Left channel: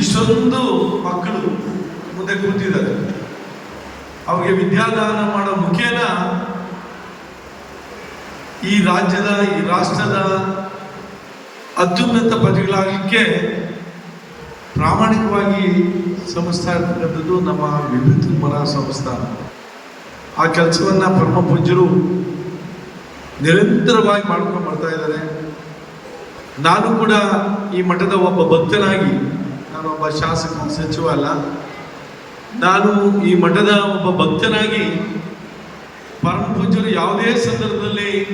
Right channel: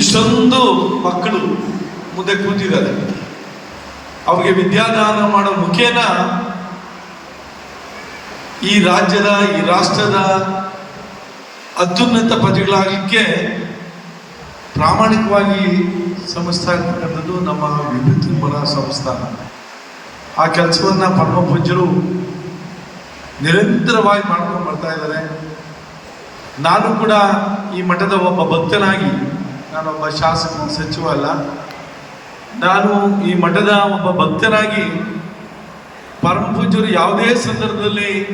ಇಷ್ಟೊಂದು ಮಕ್ಕಳು ಮುಂದೆ ಕೂತಿದ್ದಾರೆ. ಅವರಿಗೆ ವಿದ್ಯಾದಾನ ಮಾಡೋ ಮುಖೇನ ಈ ರಾಜ್ಯದ, ಈ ರಾಷ್ಟ್ರದ ಅತ್ಯುನ್ನತ ಪದವಿಗಳಾಗಲಿಕ್ಕೆ ಪ್ರಾಮಾಣಿಕವಾಗಿ ಶ್ರಮಿಸ್ತಾ ಇರ್ತಕ್ಕಂಥದ್ದು ನಮ್ಮ ವಿಭಿನ್ನ ಮನ ಸಂಸ್ಥಾನ. ಆ ಕೆಲಸವನ್ನು ಪರಮ ಪೂಜ್ಯರು ನಿರಂತರವಾಗಿ ಮಾಡ್ಕೊಂಡು ಬರ್ತಾ ಇದ್ದಾರೆ. ನಾನು ಕೂಡ ಈ ಮಠದ ಒಬ್ಬ ಭಕ್ತನಾಗಿ ನಾನೊಬ್ಬ ಶಾಸಕ ಸಚಿವ ಅಲ್ಲ ನಾನು ಈ ಮಠದ ಒಬ್ಬ ಭಕ್ತನಾಗಿ ಪರಮ ಯಾವುದೇ ಸಂದರ್ಭದಲ್ಲಿ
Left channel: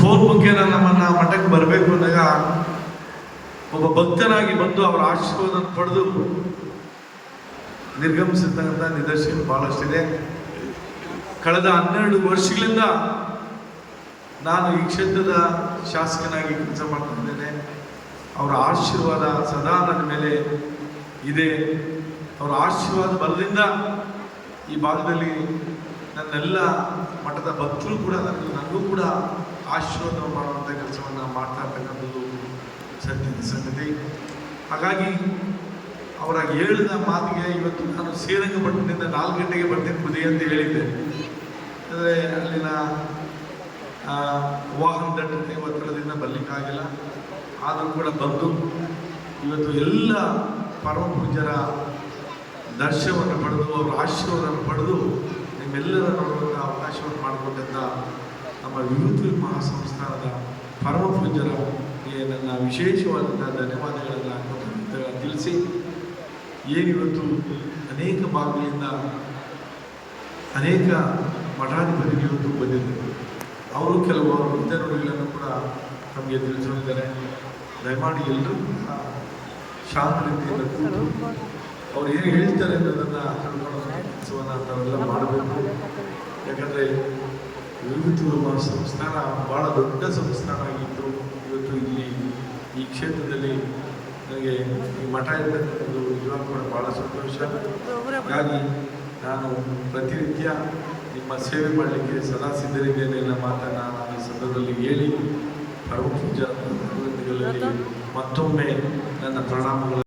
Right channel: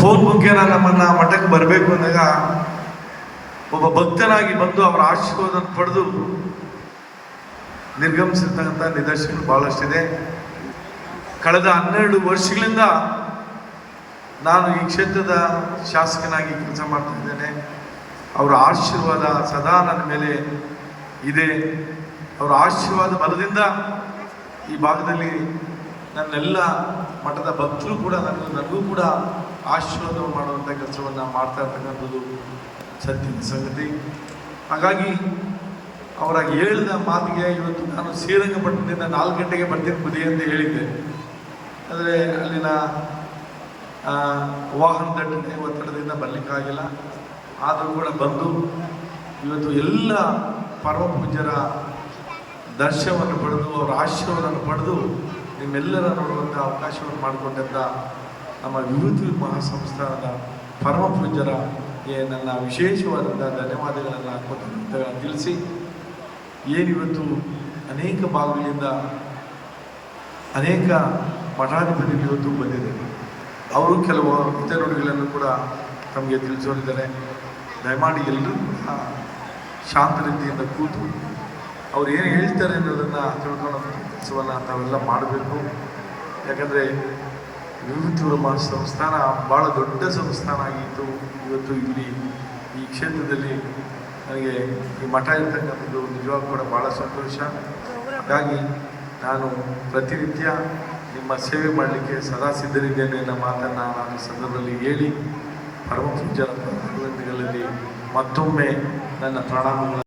ಫೋನ್ ಮುಖೇನ ನಮ್ಮನ್ನ ಮಠಕ್ಕೆ ಬರಬೇಕು ಅಂದಾಗ ಒಬ್ಬ ಭಕ್ತನಾಗಿ ಬಂದು ಅವರ ಆಶೀರ್ವಾದ ಪಡೆದು ನಿರ್ಗಮಿಸಿರ್ತಕ್ಕಂಥ ನಿದರ್ಶನ ಬಹಳಷ್ಟಿದೆ. ಕಳೆದ ಹನ್ನೆರಡು ವರ್ಷಗಳಿಂದ ನಾನು ಈ ಕ್ಷೇತ್ರದ ಶಾಸಕನಾಗಿ ಕೆಲಸ ಮಾಡ್ತಿದ್ದೇನೆ. ಅವರ ಆಶೀರ್ವಾದ ಸದಾ ನನ್ನ ಮೇಲೆ ಇದೆ. ಅವರ ಆಶೀರ್ವಾದ ಬಲದಿಂದ ಈ ಭಾಗದಲ್ಲಿ ನನ್ನೆಲ್ಲ ಮಠದ ಭಕ್ತರು ಕೂಡ ನನ್ನ ನನಗೂ ಕೂಡ ಆಶೀರ್ವಾದ ಮಾಡುವಂಥ ಕೆಲಸವನ್ನು ಮಾಡ್ತಾ ಇರ್ತಕ್ಕಂಥದ್ದು ಸತ್ಯದ ಸಂಗತಿ. ಹಾಗಾಗಿ ಅವರ ಹೇಳಿದ ಮಾತಿಗೆ ಇವತ್ತು ನಾನು ಶ್ರೀರಂಗಪಟ್ಟಣದಿಂದ ನಾಲ್ಕು ಗಂಟೆಗೆ ಬರ್ತೀನಿ ಬುದ್ಧಿ ಅಂತ ಹೇಳಿದ್ದೆ. ಅಂದರೆ ಅಲ್ಲಿನ ವಾಹನ ದಟ್ಟಣೆ ಒತ್ತಡದಿಂದ ಬರಲಿಕ್ಕಾಗಿಲ್ಲ. ಆದರೂ ಕೂಡ ಬಂದು ಇವತ್ತು ಎಲ್ಲ ಪರಮ ಪೂಜರ ದರ್ಶನವನ್ನು ಪಡೆದು, ಅವರ ಆಶೀರ್ವಾದವನ್ನು ಪಡೆದು ನಿಮ್ಮೆಲ್ಲರ ನೋಡುವಂಥ ಅವಕಾಶವನ್ನು ಮಾಡಿಕೊಂಡಂಥ ನಮ್ಮ ವಿಭೂತಿ ಮಹಾಸಂಸ್ಥಾನದ ಪೂಜರ ನನ್ನ ವಿಶೇಷವಾದಂಥ ಧನ್ಯವಾದಗಳನ್ನು ಕೊಟ್ಟು ತಿಳಿಸಿ ಏನಿವತ್ತು ಅನೇಕ ಭಾಗಗಳಿಂದ ಅನೇಕ ಮಠಾಧಿಪತಿಗಳು ಇವತ್ತು ಬಂದಿದ್ದಾರೆ. ಅವರು ಕೆಲವು ನುಡಿಗಳನ್ನು ಕೂಡ ನಮಗೆ ತಿಳಿಸೋರಿದ್ದಾರೆ ದಯಮಾಡಿ ಎಲ್ಲರೂ ಶಾಂತ ರೀತಿಯಿಂದ ಕೂತು ಅವ್ರು ಏನು ಹೇಳ್ತಾರೆ ಅನ್ನೋದನ್ನು ತಿಳ್ಕೊಳ್ಳೋಂಥ ಕೆಲಸವನ್ನು ತಾವೆಲ್ಲ ಮಾಡಬೇಕು. ಯಾಕಂದರೆ ವಿಭೂತಿಪುರ ಸಂಸ್ಥಾನ ಭಾಳ ದೊಡ್ಡ ಸಂಸ್ಥಾನ ಆಗಿತ್ತು ಇವತ್ತು ಇಲ್ಲಿ ಈ ಕ್ಷೇತ್ರದಲ್ಲಿ ನನಗೆ ಮಠ ಇರ್ತಕ್ಕಂಥದ್ದು ನಿಜವಾಗ್ಲೂ ಕೂಡ ಭಾಳ ಸಂತೋಷ. ಹಾಗಾಗಿ ನಾನು ಪ್ರತಿನಿತ್ಯ ನಿಮ್ಮ ಸೇವೆ ಮಾಡಲಿಕ್ಕೆ ಸದಾ ಸಿದ್ಧರಿದ್ದೇನೆ ಅನ್ನೋ ಮಾತನ್ನು ನಾನು ಈ ಸಂದರ್ಭದಲ್ಲಿ ಹೇಳಿ ಪರಮ ಪೂಜ್ಯರ ಮತ್ತೊಮ್ಮೆ ನನ್ನ ಪ್ರಣಾಮಗಳು.